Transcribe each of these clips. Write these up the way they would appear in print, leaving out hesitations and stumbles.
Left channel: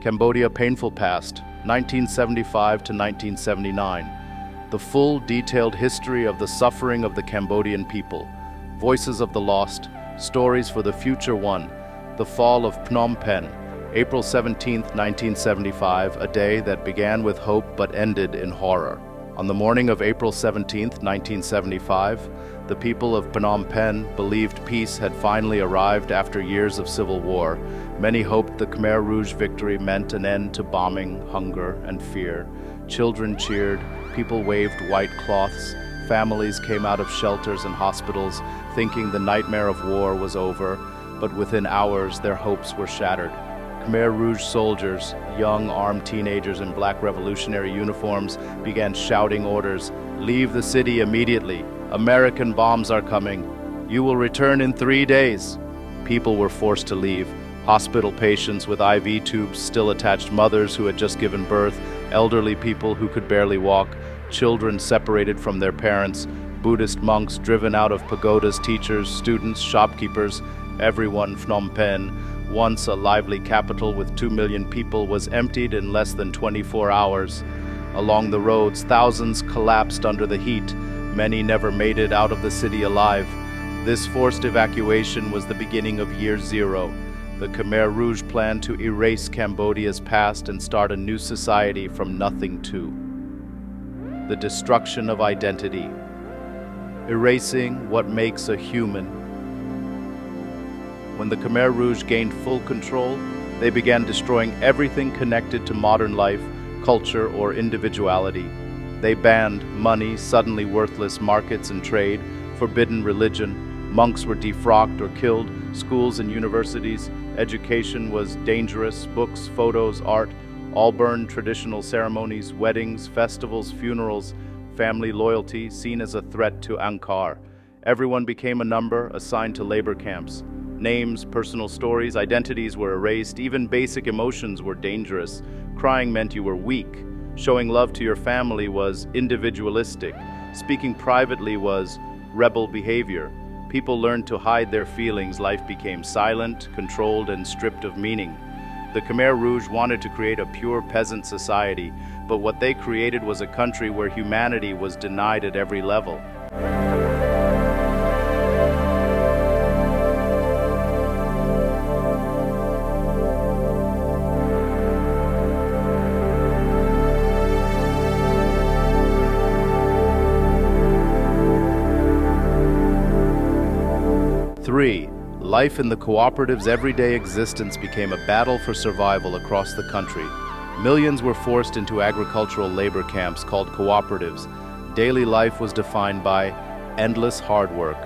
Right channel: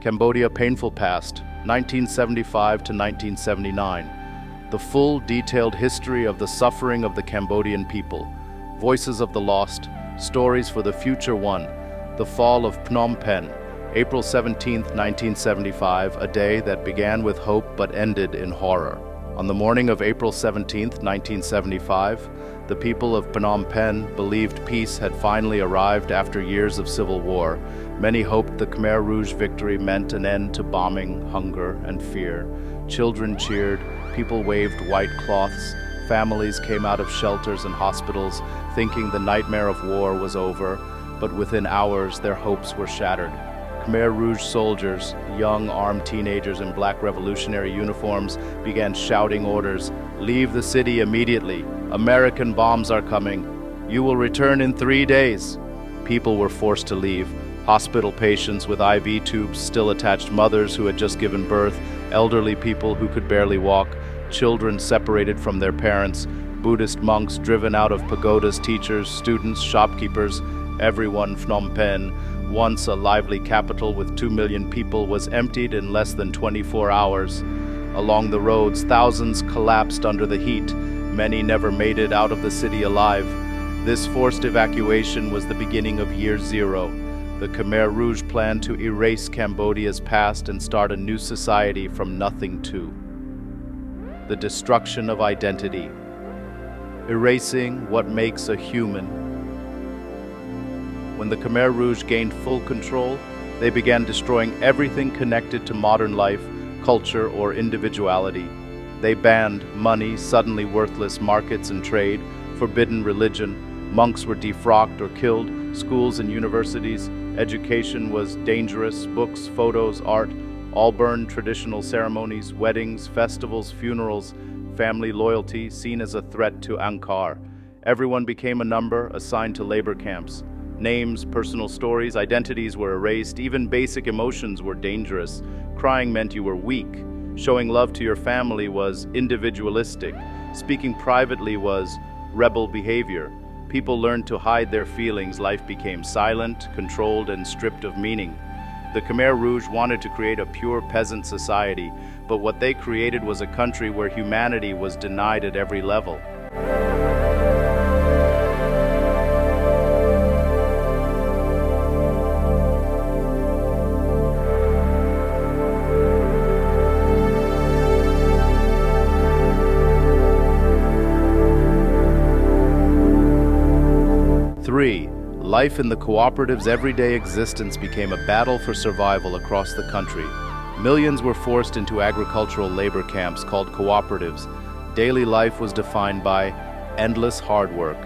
Cambodia Painful Past, 1975 to 1979. The full, detailed history of the suffering of the Cambodian people. Voices of the lost, stories for the future one. The fall of Phnom Penh, April 17, 1975, a day that began with hope but ended in horror. On the morning of April 17, 1975, the people of Phnom Penh believed peace had finally arrived after years of civil war. Many hoped the Khmer Rouge victory meant an end to bombing, hunger, and fear. Children cheered, people waved white cloths, families came out of shelters and hospitals, thinking the nightmare of war was over, but within hours their hopes were shattered. Khmer Rouge soldiers, young armed teenagers in black revolutionary uniforms, began shouting orders, "Leave the city immediately. American bombs are coming. You will return in 3 days." People were forced to leave. Hospital patients with IV tubes still attached, mothers who had just given birth, elderly people who could barely walk, children separated from their parents, Buddhist monks driven out of pagodas, teachers, students, shopkeepers, everyone. Phnom Penh, once a lively capital with 2 million people, was emptied in less than 24 hours. Along the roads, thousands collapsed under the heat. Many never made it out of the city alive. This forced evacuation was the beginning of year zero. The Khmer Rouge planned to erase Cambodia's past and start a new society from nothing to. The destruction of identity. Erasing what makes a human. When the Khmer Rouge gained full control, they began destroying everything connected to modern life, culture, or individuality. They banned money, suddenly worthless markets and trade, forbidden religion. Monks were defrocked or killed, schools and universities, education was dangerous, books, photos, art, all burned. Traditional ceremonies, weddings, festivals, funerals, family loyalty seen as a threat to Angkor. Everyone became a number assigned to labor camps. Names, personal stories, identities were erased. Even basic emotions were dangerous. Crying meant you were weak. Showing love to your family was individualistic. Speaking privately was rebel behavior. People learned to hide their feelings. Life became silent, controlled, and stripped of meaning. The Khmer Rouge wanted to create a pure peasant society, but what they created was a country where humanity was denied at every level. Life in the cooperative's everyday existence became a battle for survival across the country. Millions were forced into agricultural labor camps called cooperatives. Daily life was defined by endless hard work.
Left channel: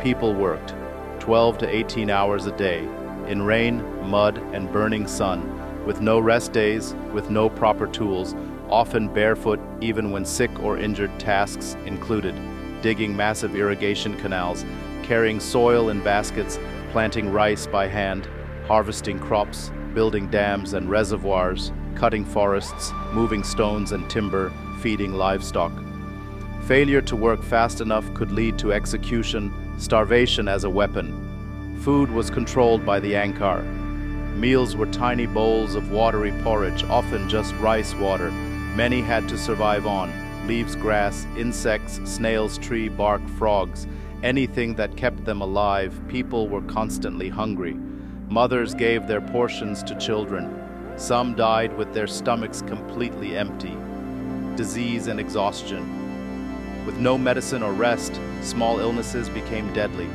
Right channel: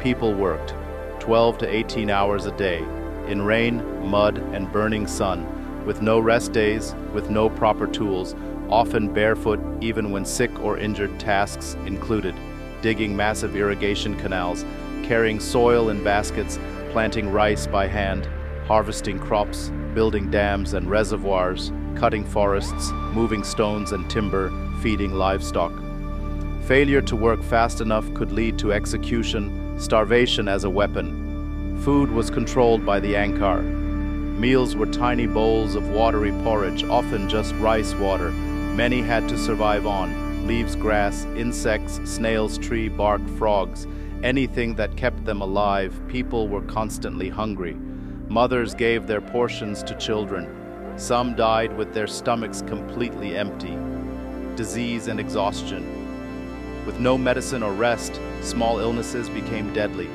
People worked 12 to 18 hours a day, in rain, mud, and burning sun, with no rest days, with no proper tools, often barefoot even when sick or injured. Tasks included digging massive irrigation canals, carrying soil in baskets, planting rice by hand, harvesting crops, building dams and reservoirs, cutting forests, moving stones and timber, feeding livestock. Failure to work fast enough could lead to execution, starvation as a weapon. Food was controlled by the Angkor. Meals were tiny bowls of watery porridge, often just rice water. Many had to survive on leaves, grass, insects, snails, tree bark, frogs. Anything that kept them alive. People were constantly hungry. Mothers gave their portions to children. Some died with their stomachs completely empty. Disease and exhaustion. With no medicine or rest, small illnesses became deadly.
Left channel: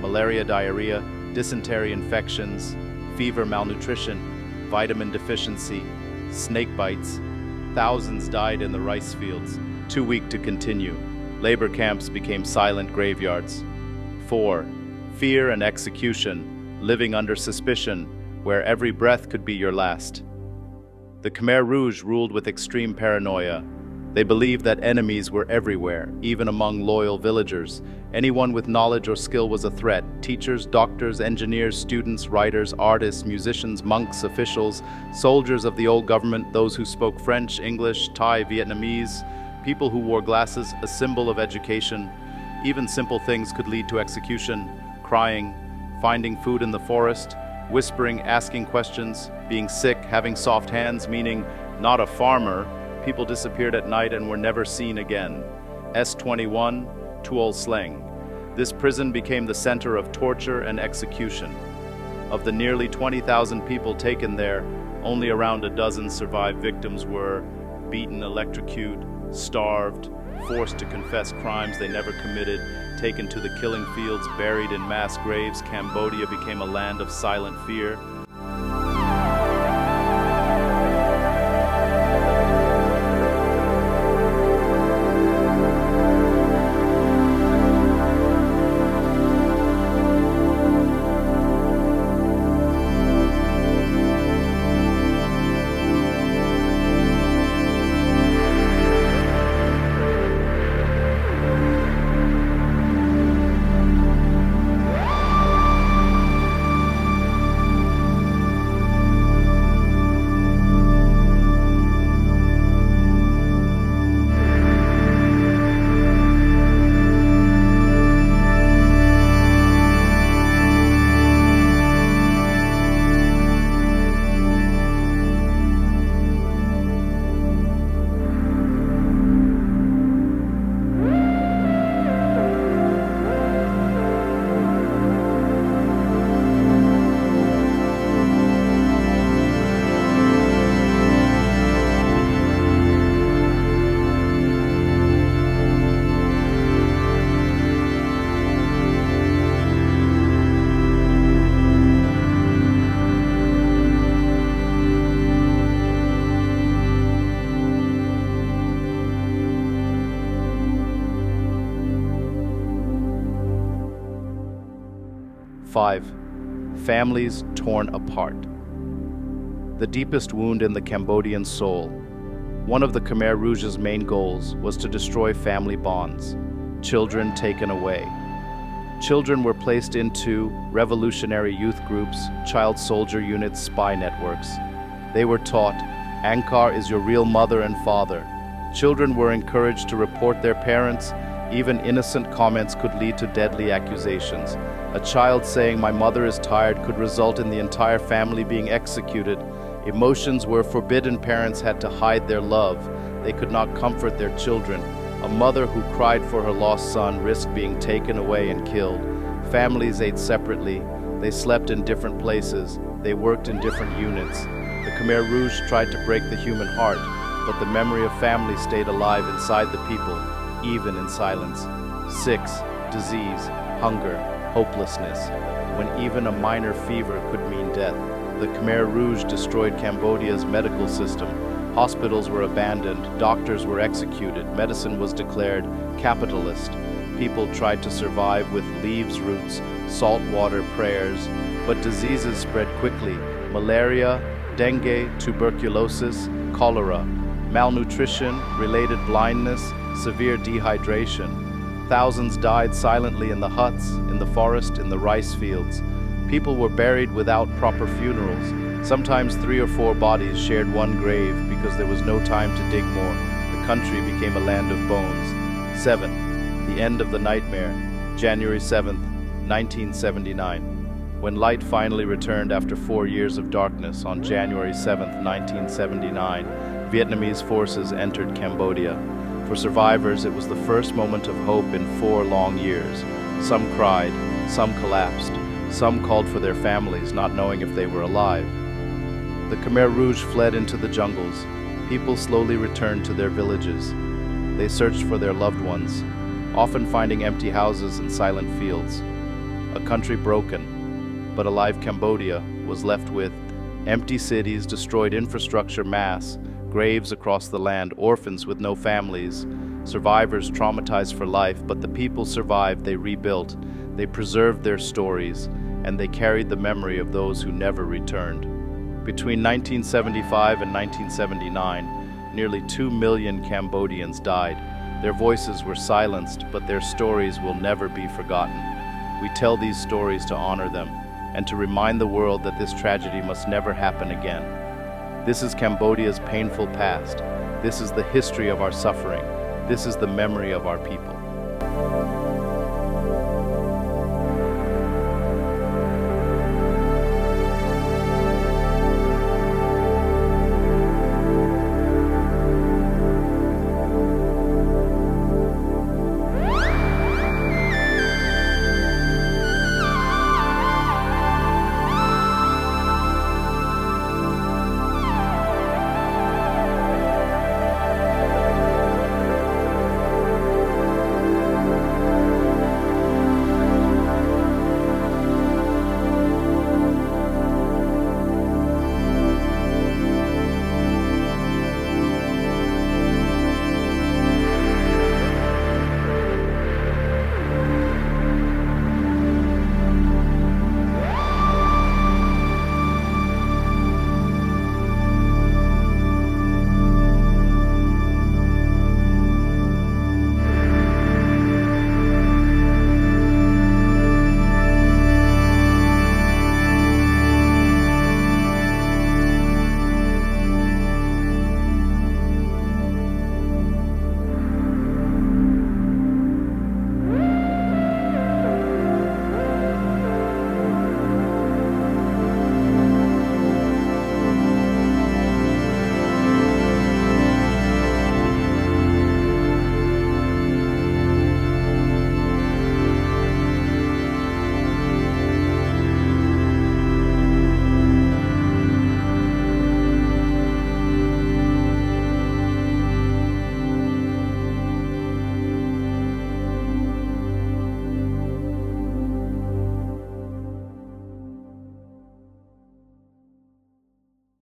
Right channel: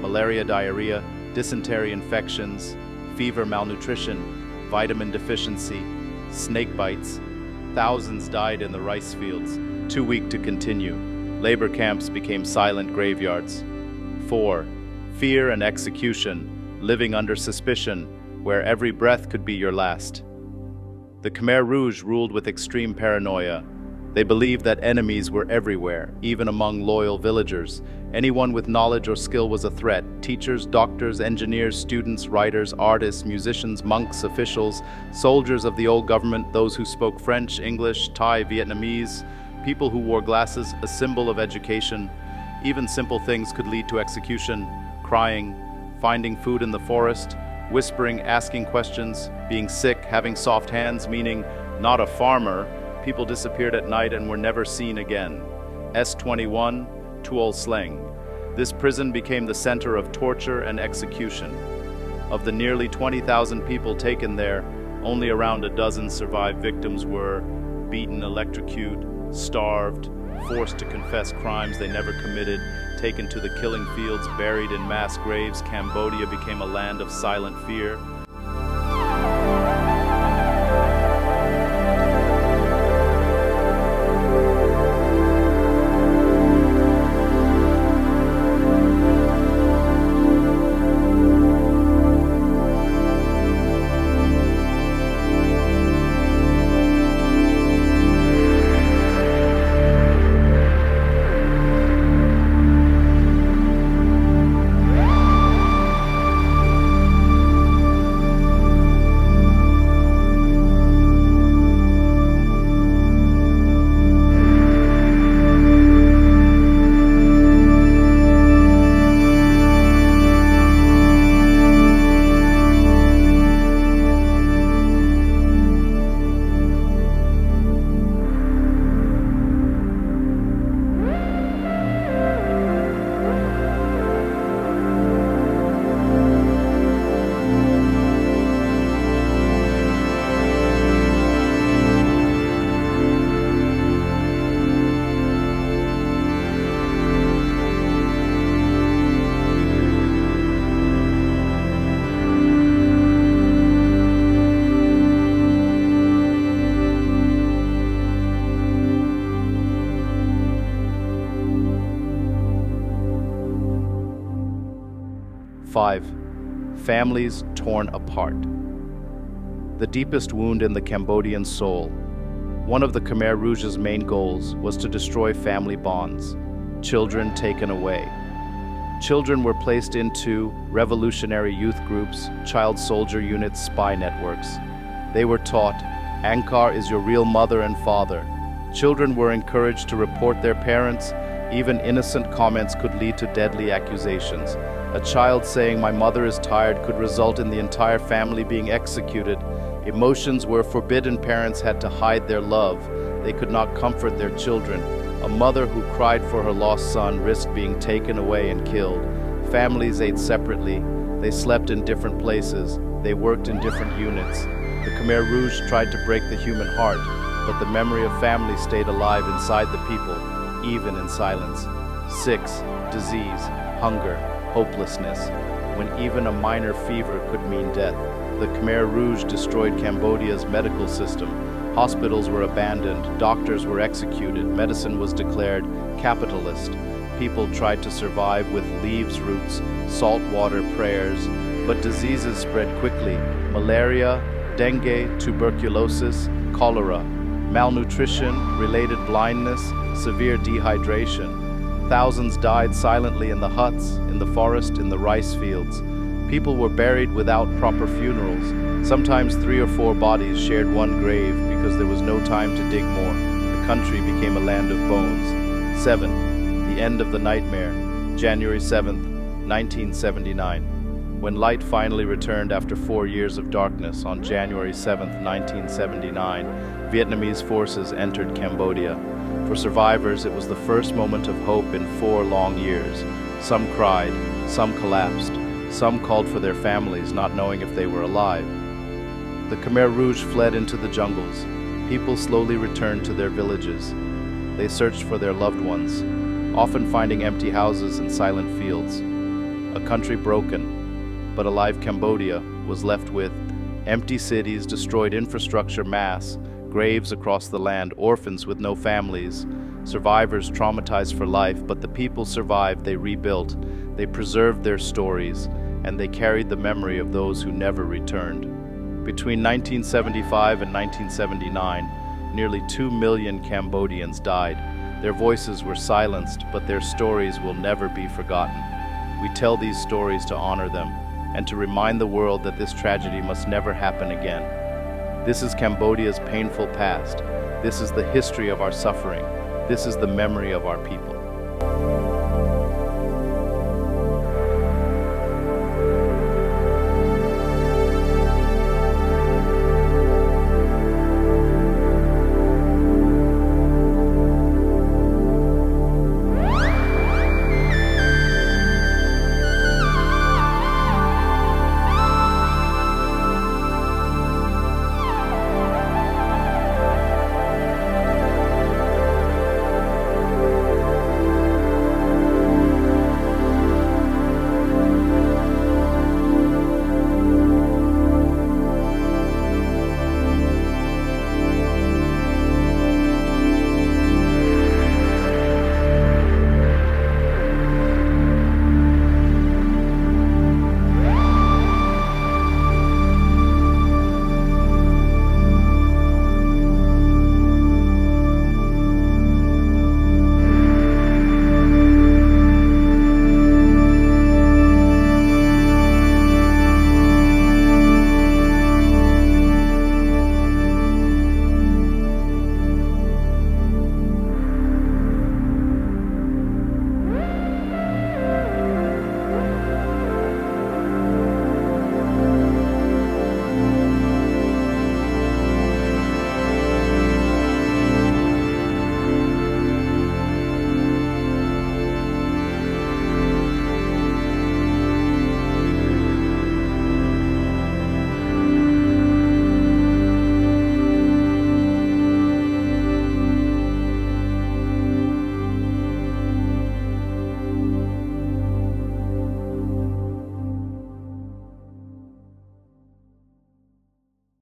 Malaria, diarrhea, dysentery infections, fever, malnutrition, vitamin deficiency, snake bites. Thousands died in the rice fields, too weak to continue. Labor camps became silent graveyards. 4. Fear and execution, living under suspicion, where every breath could be your last. The Khmer Rouge ruled with extreme paranoia. They believed that enemies were everywhere, even among loyal villagers. Anyone with knowledge or skill was a threat. Teachers, doctors, engineers, students, writers, artists, musicians, monks, officials, soldiers of the old government, those who spoke French, English, Thai, Vietnamese, people who wore glasses, a symbol of education. Even simple things could lead to execution. Crying, finding food in the forest, whispering, asking questions, being sick, having soft hands, meaning not a farmer. People disappeared at night and were never seen again. S21, Tuol Sleng. This prison became the center of torture and execution. Of the nearly 20,000 people taken there, only around a dozen survived. Victims were beaten, electrocuted, starved, forced to confess crimes they never committed, taken to the killing fields, buried in mass graves. Cambodia became a land of silent fear. Five, families torn apart. The deepest wound in the Cambodian soul. One of the Khmer Rouge's main goals was to destroy family bonds. Children taken away. Children were placed into revolutionary youth groups, child soldier units, spy networks. They were taught, Angkor is your real mother and father. Children were encouraged to report their parents. Even innocent comments could lead to deadly accusations. A child saying, my mother is tired, could result in the entire family being executed. Emotions were forbidden. Parents had to hide their love. They could not comfort their children. A mother who cried for her lost son risked being taken away and killed. Families ate separately. They slept in different places. They worked in different units. The Khmer Rouge tried to break the human heart, but the memory of family stayed alive inside the people, even in silence. 6. Disease, hunger, hopelessness. When even a minor fever could mean death, the Khmer Rouge destroyed Cambodia's medical system. Hospitals were abandoned, doctors were executed, medicine was declared capitalist. People tried to survive with leaves, roots, salt water, prayers, but diseases spread quickly. Malaria, dengue, tuberculosis, cholera, malnutrition, related blindness, severe dehydration. Thousands died silently in the huts, in the forest, in the rice fields. People were buried without proper funerals. Sometimes 3 or 4 bodies shared one grave because there was no time to dig more. The country became a land of bones. 7. The end of the nightmare, January 7th, 1979. When light finally returned after 4 years of darkness on January 7th, 1979, Vietnamese forces entered Cambodia. For survivors, it was the first moment of hope in 4 long years. Some cried, some collapsed, some called for their families, not knowing if they were alive. The Khmer Rouge fled into the jungles. People slowly returned to their villages. They searched for their loved ones, often finding empty houses and silent fields. A country broken, but alive. Cambodia was left with empty cities, destroyed infrastructure, mass graves across the land, orphans with no families, survivors traumatized for life. But the people survived. They rebuilt, they preserved their stories, and they carried the memory of those who never returned. Between 1975 and 1979, nearly 2 million Cambodians died. Their voices were silenced, but their stories will never be forgotten. We tell these stories to honor them and to remind the world that this tragedy must never happen again. This is Cambodia's painful past. This is the history of our suffering. This is the memory of our people.